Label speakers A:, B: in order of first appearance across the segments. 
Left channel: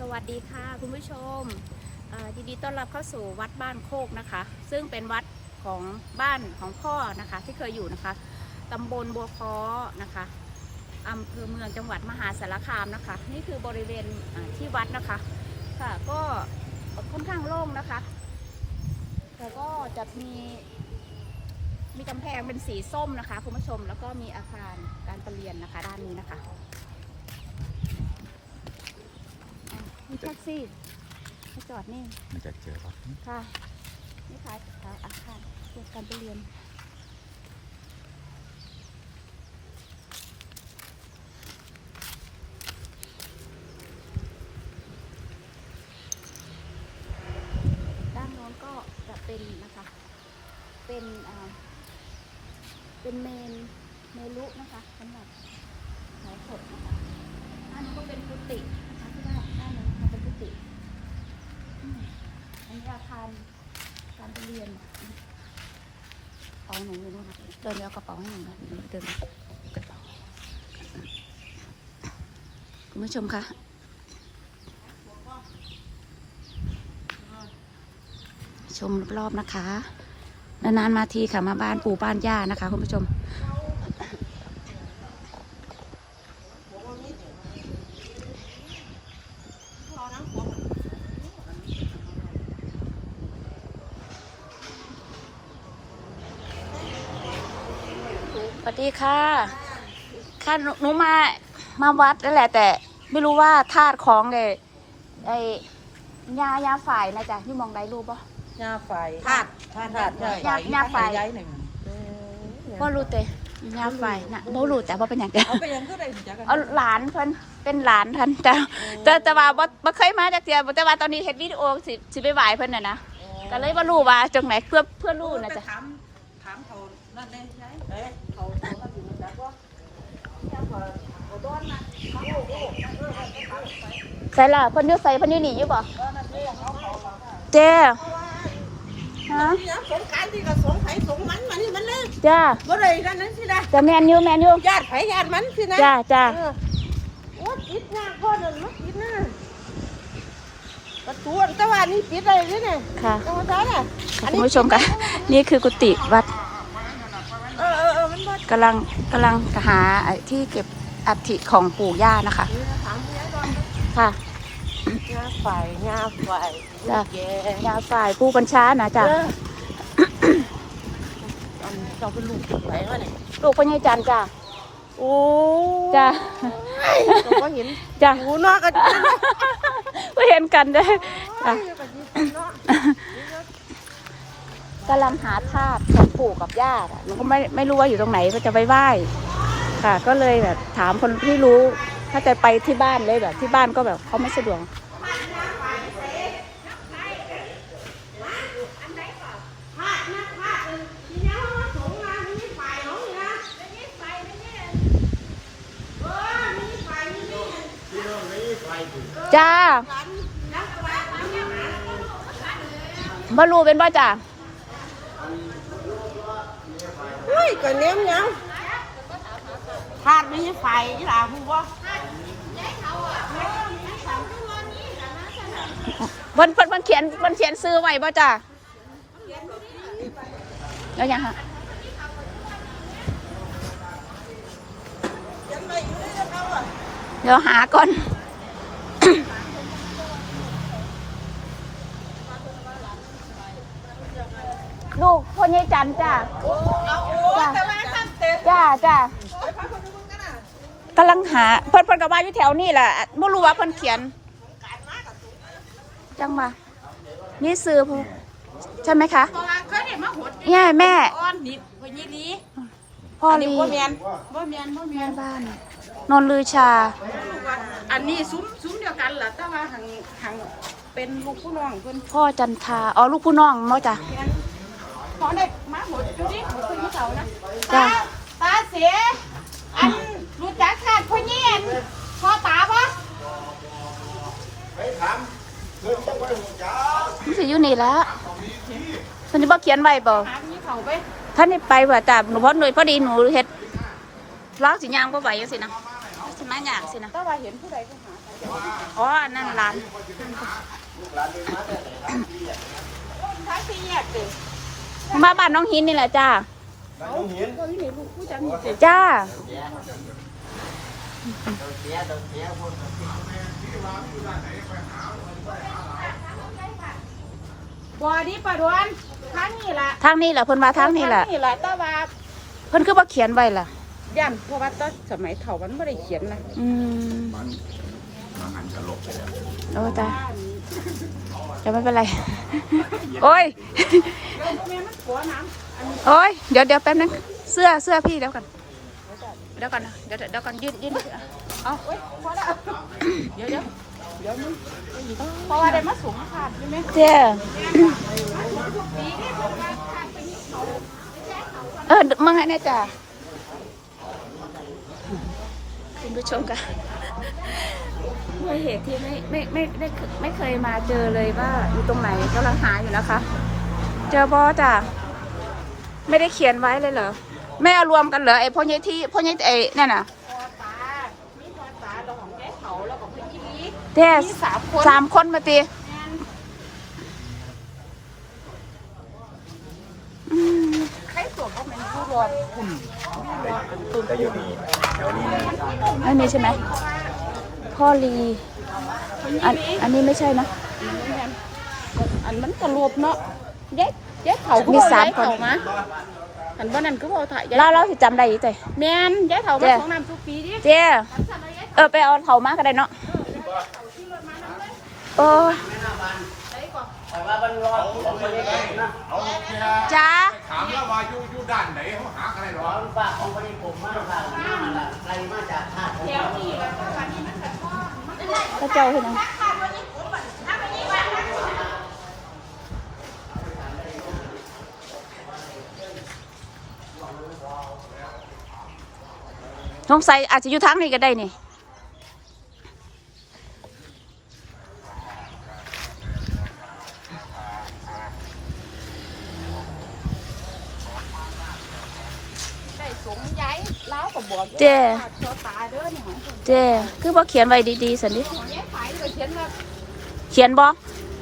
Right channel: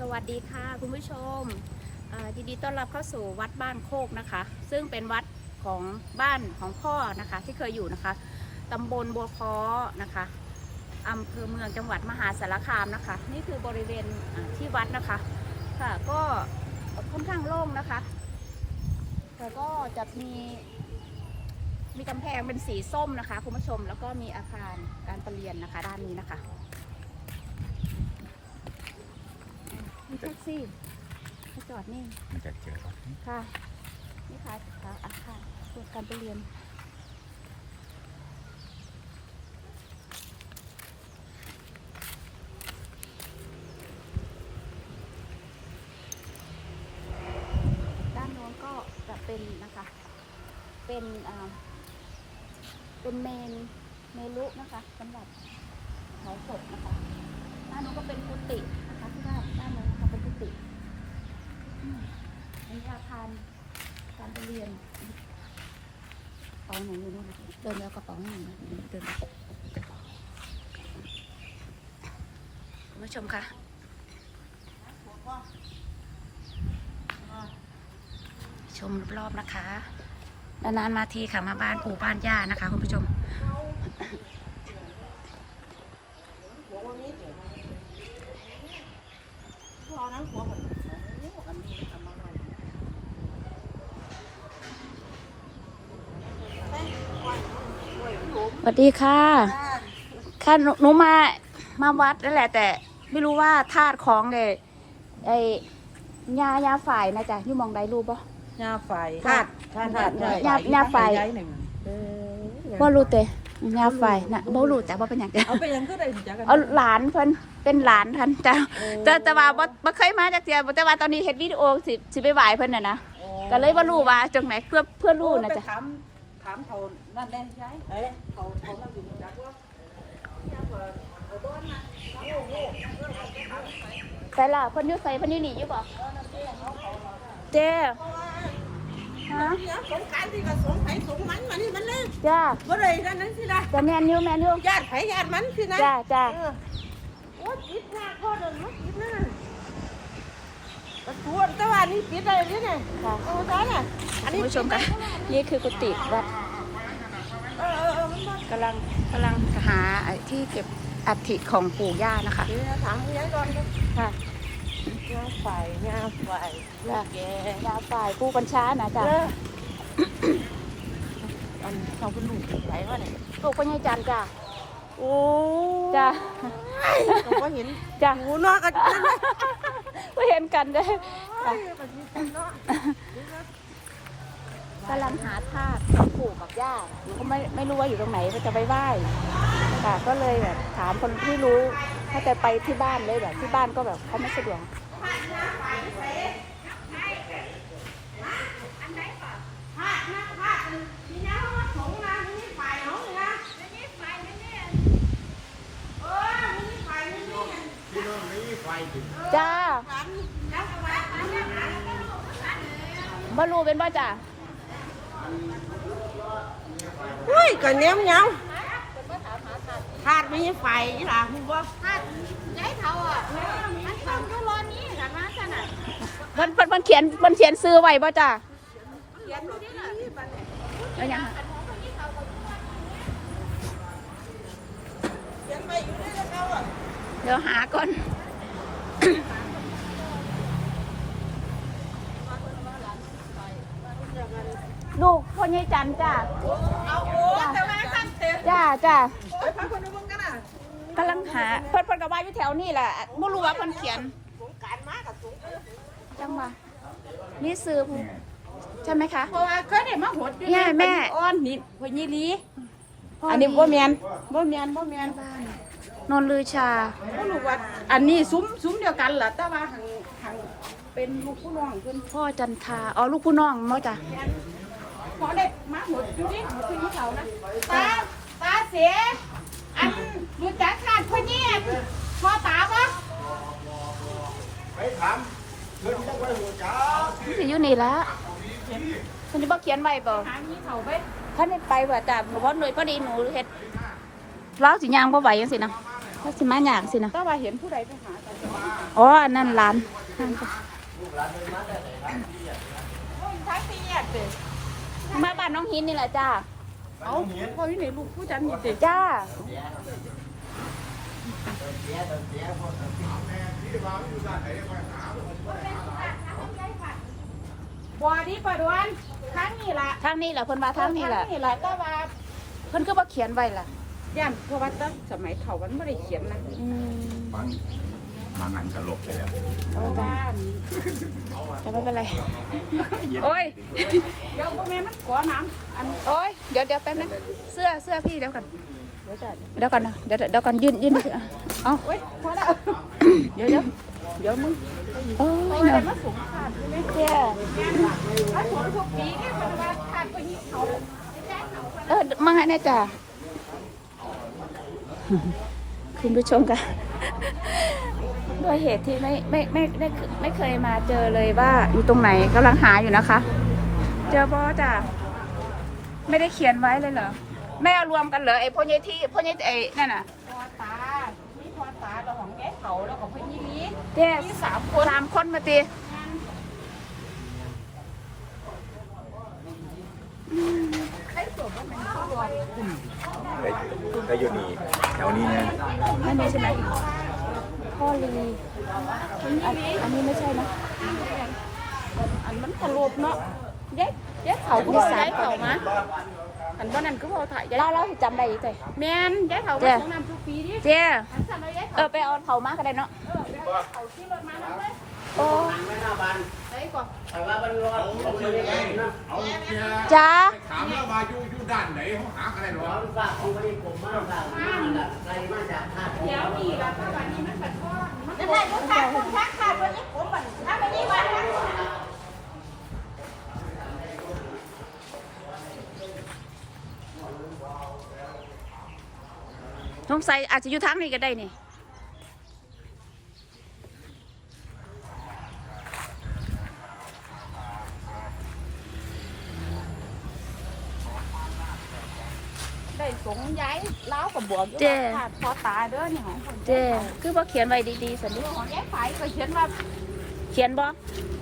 A: สวัสดีค่ะคุณผู้ชมยินดีต้อนรับเข้าสู่วัดบ้านโคกนะคะ ซึ่งเป็นวัดของบ้านของพ่อนะคะ ที่เคยอยู่นะคะตำบลบัวค้อนะคะอำเภอเมืองจังหวัดมหาสารคามนะคะ นี่คือบริเวณที่วัดนะคะค่ะก็ค่อนข้างโล่งนะคะแต่ก็จะมีมีกำแพงเป็นสีส้มนะคะคุณผู้ชมแล้วก็มีอาคารการประเรียนนะคะ ด้านนี้นะคะ มีแท็กซี่มาจอดนี่
B: มันจะเจอรถนี่
A: ค่ะ นี่ค่ะค่ะอาคารส่วนการไปเรียน ด้านโน้นก็จะเป็นนะคะ เป็นอ่าเป็นเมนเมลุนะคะสำหรับเผาศพนะคะด้านโน้นก็เป็นกุฏิ นะคะเป็นกุฏิอืมอันนี้อาคารการไปเรียนเอาหนูอยู่นู่นนะเดินไปเอากระเป๋าให้หนูนะเดินไปคุณผู้ชมคะชมรอบๆนะคะนานๆมาทีค่ะมาบ้านปู่บ้านย่านะคะคุณผู้ชม สวัสดีค่ะค่ะหนูหนูมามาวัดนั่นแหละ แต่ ไม่รู้ว่าธาตุของไอ้ไอ้ยายาฝ่ายนะจ๊ะอยู่หมองใดรู้ปะ
C: หน้าไฟ
A: ค่ะ
C: ท่านท่าน
A: หน้าหน้าไฟ
C: ย้ายหนึ่งเออ
A: ว่ารู้เตะยาฝ่ายนะบ่รู้แต่บ่เป็นอย่างเดียว
C: เอาไปยังก็ได้จักกัน
A: เอาหลานเพิ่นเป็นหลานท่านแต่แต่แต่ว่าบ่บ่เคยมาจากเดียวแต่ว่าตอนนี้เฮ็ดวิดีโอสิสิไปไหว้เพิ่นน่ะนะก็เลยบ่รู้ว่าจังไหนเพื่อเพื่อรู้นะจ๊ะ
C: ถามถามเขา นั่นได้ย้ายไหนเขาเขานั่นอยู่มาจากว่าเนี่ยเขาเขาต้อนนะโอ้โหเออเขาไป
A: ใส่ละพิ่นยูใส่พิ่นยู่นี่อยู่บ่ะเจ้ฮะ
C: สงการที่เขาสงไผสงมันมานี่มันเลย
A: จ้า
C: บ่ได้นั่นนั่นสินะ
A: จะแมนยูแมนยู
C: ญาติไผญาติมันสินะ
A: จ้าจ้า
C: โอ้ปิดหน้าพ่อเดินลูกปิดหน้าประตูแต่ว่านี่ปิดอะไรนี่เนี่ย
A: ค่ะ
C: เอามาใช้น่ะ
A: คุณผู้ชมคะนี่คือกุฏิวัด กำลังกำลังหาไอ้ที่เก็บอัฐิของปู่ย่านะคะ
C: ถามนี่แล้วโดนมัน
A: ค่ะ
C: งาไฟงาไฟ
A: จ้ะ
C: แย่
A: ยาฝ่ายผู้บัญชานะจ้ะ
C: เอออันเราเป็นลูกไฟวะเนี่ย
A: ลูกพญายจันทร์จ้ะ
C: โอ้
A: จ้ะ
C: เราก็เห็น
A: จ้ะ
C: หูเนาะกันเนาะ
A: ก็เห็นกันเด้อจ้ะ กำลังหาธาตุของปู่กับย่าน่ะหนูก็ไม่ไม่รู้ว่าอยู่ตรงไหนก็จะไปไหว้ค่ะ ก็เลยแบบถามคนที่รู้ ถ้าจะไปที่บ้านเลยแบบ ที่บ้านก็แบบเขาไม่สะดวกจ้าบรูเป็นบ่จ้า
C: เฮ้ยกันเนี้ยมยังขาดไม่ใช่ไฟนี่ล่ะคุณว่า
A: เพิ่นเพิ่นเพิ่นเขียนเพิ่นเขียนซื้อไว้บ่จ้าแล้วยังฮะเดี๋ยวหาก่อน ลูกพ่อนี่จันทร์จ้าจ้าจ้ากำลังหาเพิ่นเพิ่นกับว่าอยู่แถวนี่แหละไม่รู้ว่าเพิ่นเขียน จังมา นี่ซื้อผู้ใช่ไหมคะ
C: เพราะว่าเขาเนี่ยมาหด
A: เนี่ยแม่
C: อ้อนนี่พญิลี
A: พ่อ
C: อันนี้
A: ลี
C: บ่แมนบ่แมนบ่แม
A: แม่
C: น
A: บ้านนนลือชา
C: ลูกว่าอันนี้ซุ้มซุ้มเดียวกันล่ะแต่ว่าหังหังเป็นลูกผู้น้องเพิ่น
A: พ่อจันทาอ๋อลูกผู้น้องมั้งจ้ะ
C: เขาเด็กมาหมดดูดิเขาคือเขานะ
A: จ้ะ
C: ตาตาเสียอันรู้จักขาดพ่อเงียนพ่อตาปะ
A: มันสิอยู่นี่ละท่านนี่บ่เขียนไว้บ่
C: ถามนี่เขาไป
A: ท่านนี่ไปว่าจ้ะหนูพอหน่วยพอดีหนูเฮ็ดเล้าสิยางบ่ไหวจังสินะว่าสิมาหยางสินะ
C: แต่ว่าเห็นผู้ใดไปหา
A: อ๋ออันนั่นร้านนั่นก็มา บ้านน้องหินนี่แหละจ้า
C: เขาอยู่ในลูกผู้จันนี่เจ๊
A: จ้า
C: บอดี้ปะดวนทางนี่แหละ
A: ทางนี้แหละเพิ่นมาทางนี้แหละ
C: นี่แหละแต่ว่า
A: เพิ่นคือว่าเขียนไว้ล่ะ
C: ย่ำเพราะว่าตอนสมัยเถาวันไม่ได้เขียนนะ
A: อืม
B: มันมันหันสลบไปแล้ว
A: โอ้จ้า จะไม่เป็นไร โอ้ย
C: เดี๋ยวพวกนี้มันกลัวน้ำอันนี้
A: โอ้ย เดี๋ยวเดี๋ยวแป๊บนึง เสื้อเสื้อพี่เดี๋ยวก่อน เดี๋ยวก่อนนะ เดี๋ยวเดี๋ยวก่อนยืนยืนเอา
C: พอแล้วเดี๋ยวเดี๋ยวเดี๋ยวมึง
A: โอ้
C: พออะไรมาสูงขาดใช่ไหม
A: เจ้
C: มาสูงพวกปีนี่คนละขาดไปยี่เขาแจ้งเขา
A: เออมาไงเนี่ยจ้าคุณผู้ชมกัน ด้วยเหตุที่ไม่ไม่ไม่ไม่ไม่ไม่เคยมาเจอเลยว่าอยู่ตรงไหนกำลังหาอยู่นะคะ เจอบอจ้ะไม่ได้เขียนไว้เลยเหรอไม่เอารวมกันเหรอไอ้พ่อใหญ่ที่พ่อใหญ่ไอ้นั่นน่ะ
C: พอตานี่พอตาเราของแก้เขาแล้วก็เพื่อนยี่ลี
A: แท้
C: มีสามคน
A: สามคนมาตีอืม
C: ใครสวมว่ามันผู้รอดคุณ
B: ก็อยู่นี่แถวนี้นี่
A: ไม่มีใช่ไหม พ่อลีอันอันนี้ไม่ใช่นะ
C: อันนั้นตลบเนาะแยกแยกเขา
A: มีสามคน
C: เขานะอันว่านั่นก็พอถ่ายแยก
A: เราเราสิจำได้อยี่แต่
C: แมนแยกเขา
A: เจ้
C: มาของน้ำทุกปีดิ
A: เจ้
C: อันสั่นเราแยก
A: เออไปเอาเขามาก็ได้เนาะ
C: เออเขาที่รถมานั่นเลย
A: โอ้ย
B: เอาเชีย
A: จ้า
B: ถามแล้วว่าอยู่อยู่ด้านไหนเขาหากันได้หรอ
C: เดี๋ยวนี่ละถ้าวันนี้มันจะก้อนมันจะ
A: พระเจ้าเห็นไหมสงสัยอาจจะอยู่ทางนี้ก็ได้นี่
C: งย้ายล้ากับบ่อ
A: เจ้
C: พอตาเด้อนี่ของคน
A: เจ้คือบ่เขียนไว้ดีๆสันนิ
C: ของแยกขายก็เขียนว่า
A: เขียนบ่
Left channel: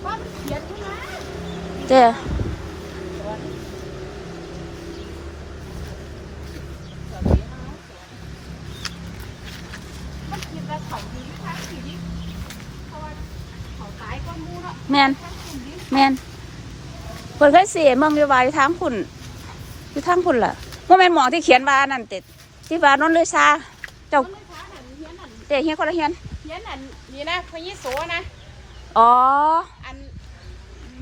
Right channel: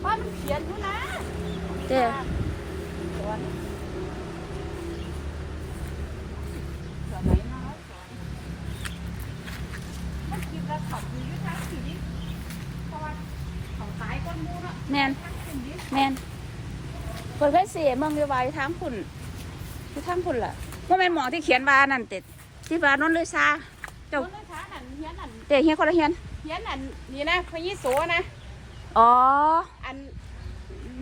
C: บ้านเขียนนะ
A: เจ้
C: เมนเนาะ
A: แมน
C: มันคุมดิ
A: แมนเพิ่นเคยเสียเมืองอยู่ว่าอยู่ทางคุณอยู่ทางคุณล่ะ ว่าแม่นหมอที่เขียนว่านั่นติดที่ว่านนเลยซาเจ้า
C: เฮียนอันเฮียน
A: คนละเฮียน
C: เฮียนอันนี่นะพยิสูนะ
A: อ๋อ
C: อัน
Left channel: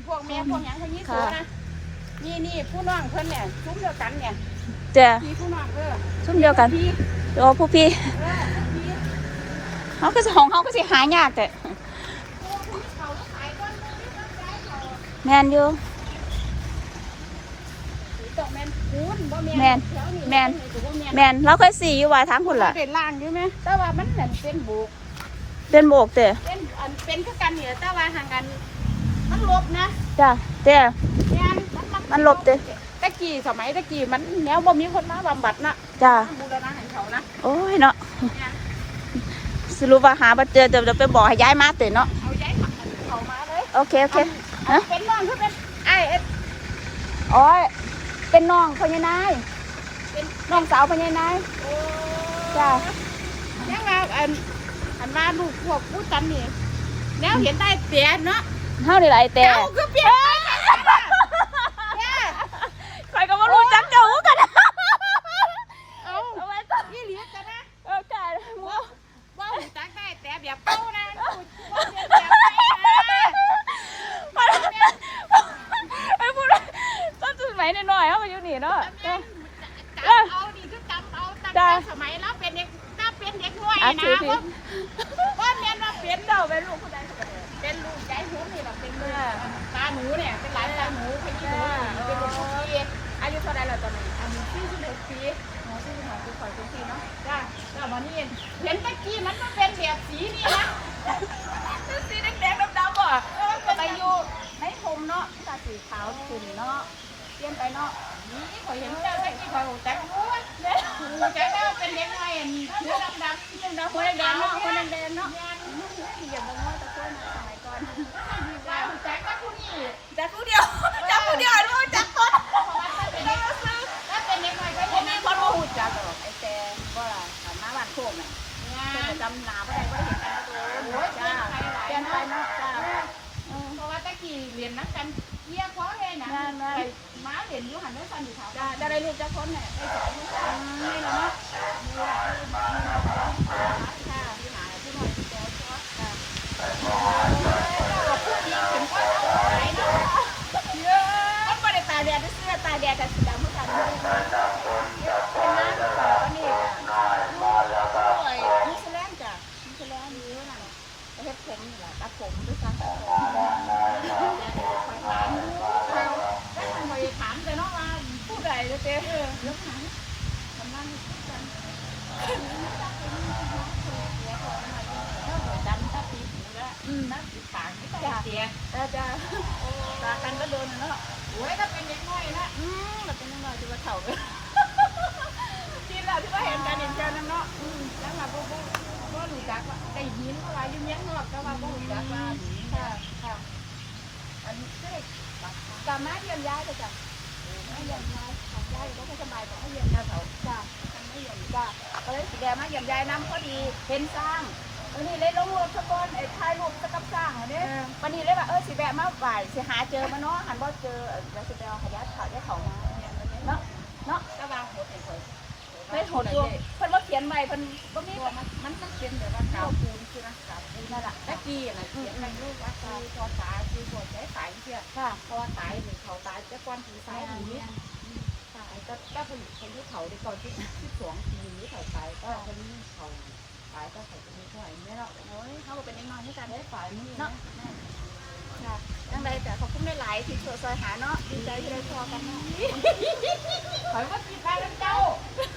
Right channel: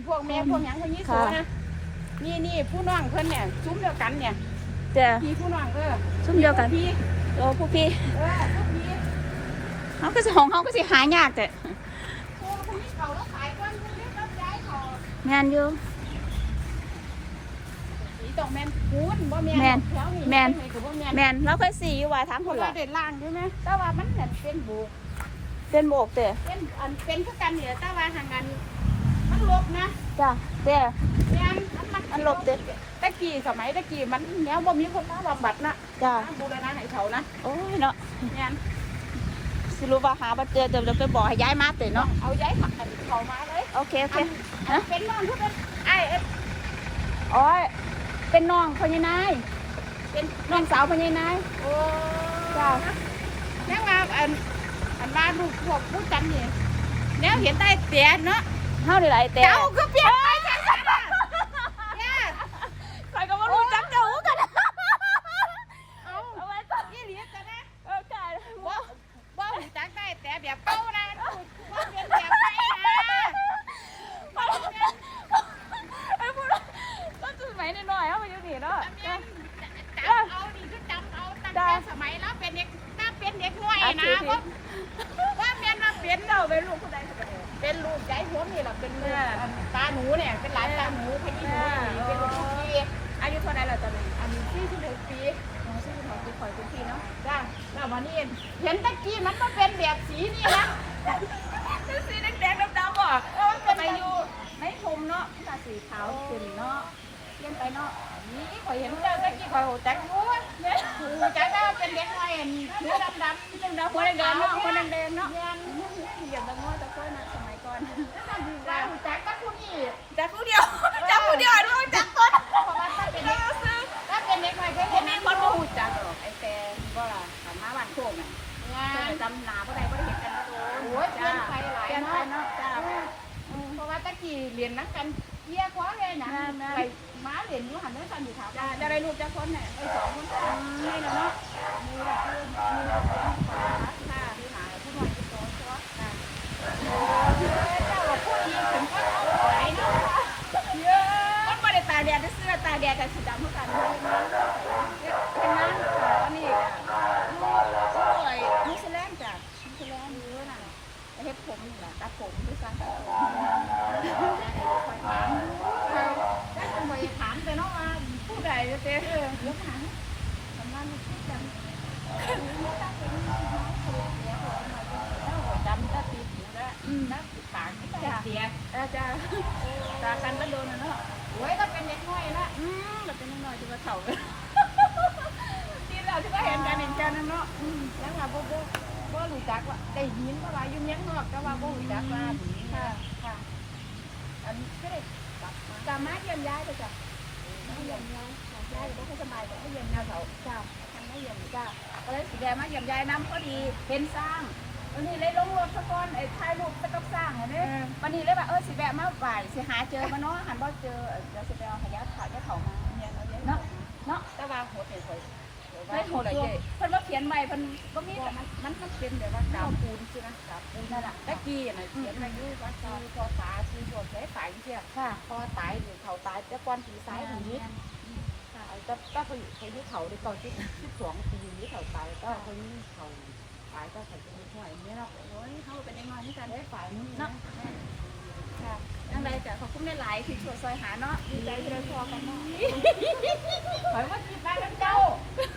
C: พวกแม่พวกหยังพยิสูนะนี่นี่ผู้น้องเพิ่นเนี่ยซุ้มเดียวกันเนี่ย
A: เจ้
C: มีผู้น้องเออ
A: ชุ่มเดียวกันโอ้ผู้พี่
C: เขา
A: ก็สิของเขาก็สิหายากแต่
C: ผู้นี้ของ
A: แมน
C: แมน
A: แมนเราเคยสีอยู่ว่าทาง
C: คุ
A: คุณณ
C: ล่ะ
A: ล่ะ
C: เป็นล่างอยู่ไหมแต่ว่ามันเป็นเป็นบุก
A: เป็นโบกเจ้
C: เป็นอันเป็นคือกันเนี่ยแต่ว่าห่างกันมันลบนะ
A: จ้าเจ้
C: แม่นมันมัน
A: มันหลบเจ้
C: ตะกี้สมัยตะกี้มันแนวบ่มีคนมาบำบัดนะ
A: จ้า
C: บูรณะให้เขานะ
A: โอ้ยเนาะสรุปว่าหาบ่เจอเดี๋ยวจะไปบอกให้ย้ายมาเตะเนาะ
C: เอาย้ายผักเขามาเลย
A: โอเคโอเค
C: อันเป็นน้องคือเป็นไอ้เอ็ด
A: โอ้ย เป็นน้องพญานาย
C: เป็น
A: น้องสาวพญานาย
C: โอ้
A: จ้ะ
C: ยังว่าอันอันว่าลูกพวกผู้จันนี่แล้วเห็นได้เปลี่ยนเนาะ
A: เฮานี่ล่ะไอ้เต้
C: เจ้าคือเปลี่ยนไปจังซั่นน่ะเนี่ย
A: ใครก็บ่รู้จักเจ้ากัน
C: เอานี่เหลียกันนะ
A: โอเค
C: บ่บ่หูจักได้แต่แบบเก่านะบ่เปลี่ยนแบบไปนะ
A: ไอ้พูดตอนส มัยน้อยๆเฮามาอยู่นี่เนาะ
C: จำเอานี่คือจำเอาตั้งแต่สมัยเราเป็นเด็กถ้าเป็นเด็กน้อยนะบ่บ่แม่นว่าเป็น
A: เจ้าเป็นลูกผู้ใดสักคน
C: เป็นลูกยายหัวนี่แหละเป็นลูกอันตาหนูเนี่ยเป็นหลานตาหนูพยี่หนูนี่เป็นลูกทุกปี
A: อายุเท่าไหร่แล้วตอนนั้น
C: อันที่สิบหกปี
A: อ๋อที่เป็นของคุณข่อยคุณพี่เนาะ
C: จ้าแล้ววันนี้เห็นตะกี้มันมาเป็นแบบสีนี่นะ
A: เป็นสีแดงๆดำๆบ่
C: เออเป็น
A: ไป
C: ไป
A: อ
C: อยู่
A: ยู่ในพรมเนาะตาสีขาวขึ้นเนาะ เปลี่ยนไปเนาะ
C: นี่ข่อยเห็นเจ้าตะกี้ข่อยหูจักอยู่เนี่ยหูจักได้ว่าเป็นเด็กน้อยอันหัวดำดำ
A: ดำหัวแดงๆเนาะหัวแดงๆเนาะ
C: เงี้ยเหยียบตะงอ
A: ก่อน
C: ได้แจ็คก็คู่นี่
A: จักผู้เดียวจักผู้เดียว รี
C: ยนนั
A: กกันเยี่
C: ยคว้าเลยนะไปม้าเรียนอยู่หันด้วยกันอยู่ครับ
A: จ้าจะได้ลูกจักคนเนี่ย
C: ได้สองคนจ้า
A: นี่แหละเนาะ
C: มีหลักคือมีหลักเรื่องของค่ะที่หมาผู้น้อยผู้โตชัวค่ะโอ้ยเจ้าพูดดีถึงว่าเอาไหนเนาะ
A: เยอะมันบ่ได้ตาแดดเสื้อตาแดดกับสีดำเหมือนกันเลยนะเป็นน้ำค่ะตอนนี้จ้ะลูกลูกไอ้นิวซีแลนด์จ้ะนิวซีแลนด์เยอะนั่นแหละเฮ็ดผมนี่แหละตัดผมด้วยกันตัดผม
C: คอยถามเขาได้ทันคอยถามแต่เนาะว่าผู้ใดจะเจอเออแล้วถามทำงานพูดกันไม่ได้เป็นน้องคนเสียคนมาอยู่แล้วดำตาปีหูแล้ว
A: อืม
C: น้ำปีปากไม่ได้เสีย
A: เออจ้ะตากันก็โดนนะเนาะ
C: โอ้ยถ้าเป็นเด็กน้อยนะ
A: อืมแบบเป็นน้อยที่ว่าเฒ่าเลยที่เราที่ว่าเห็นกันเห็นกันนั่นเนาะ
C: อืมแล้วว่าบ่บ่บ่รู้จักว่าได้ยินว่าว่าอยู่เมียงนอกแต่ว่าบ่รู้จักว่า
A: ค่ะ
C: ค่ะ อันนี้ก็เลยกมา
A: สามารถเยี่ยมย้ายได้จ้ะไม่เยี่ยมย้ายย้ายอยู่ก็สบายแต่ให้เยี่ยมยาเขาจ้ะทางไม่เยี่ยมจ้ะก็เลยสีแดงมาเยี่ยมย้ายน้ำพอดีเห็นสร้างวันนี้เลยลงรูปทุกคนไอ้ถ่ายรูปกับสร้างวันนี้วันนี้เลยว่าเออสิแวะมาบ่ายสิหาเจอมาเนาะหันบ่เจอเออแล้วสิไปเอาขยะขาได้เขามา
C: เนี่ยเราเนี่ย
A: เนาะเนาะ
C: แต่ว่าโหดเนี่ยข่ อย
A: เฮ้ยโหดตัวเพิ่นว่าเขียนใบเพิ่นบ่มี
C: ก็มันมันมันเป็นแบบว่ากาบปูนคือนะกาบปูน
A: นั่นแหละ
C: ตะกี้น่ะเขียนไปอยู่ว่าคือพอตายคือพอใช้สายเสีย
A: ค่ะ
C: พอตายหรือเขาตายแต่ก่อนผีสายหนีตายก็ก็ไปไปที่เขาได้ก่อนที่ที่สองปีนี้เขาตายก็คนนี้เขาตายก็เขาจะมีห่วยไม่เนาะ
A: โอ้ยเขาก็เป็นเด็กน้อยเหมือนกัน
C: ได้ฝ่ายนี้
A: เนาะ
C: เนาะ
A: ค่ะจังไดจ้ะขอบคุณหลายๆที่ช่วยซอยหาเนาะดีใจที่ได้พอกันเนาะ
C: ข่อยว่าจิตได้แล้วเจ้าเขา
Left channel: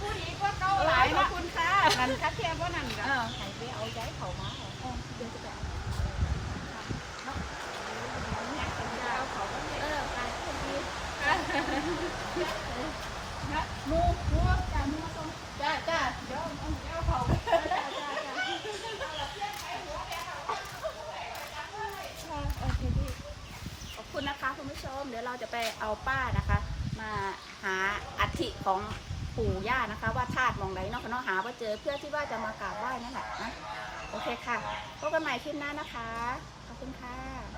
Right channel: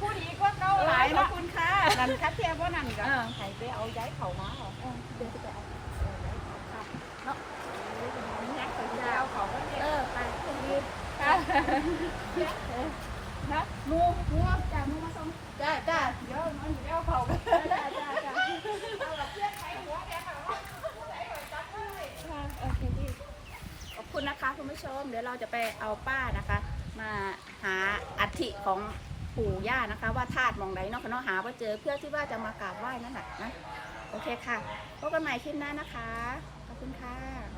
C: ผู้ดีก็เก้าหลาย
A: ขอบ
C: เนาะ
A: คุณค่ะ
C: นั่นคัดเทียบว่านั่นกัน
A: เออ
C: ใครไปเอาย้ายเขามาเหรอ
A: เออเดี๋ยวจะไปเอา
C: ค่ะเนาะมันแห้งเขาจะเอาเขาก็เนี่ย
A: เออไปโชคดี
C: ค่ะ
A: นะหมูหมูจ้ะหมูมาส่ง
C: จ้าจ้าเดี๋ยวมันเดี๋ยวเขาก็
A: จ้าจ้าจ้าค่ะโอเคดีขอบคุณนะคะคุณผู้ชม เดี๋ยวเราจะไปเอาป้านะคะ มาหาอัฐิของ ปู่ย่านะคะ ว่าธาตุมองไหนเนาะคะเนาะหาว่าเจอเพื่อที่ว่าจะมากราบไหว้นั่นแหละนะโอเคค่ะพบกันใหม่คลิปหน้านะคะขอบคุณค่ะ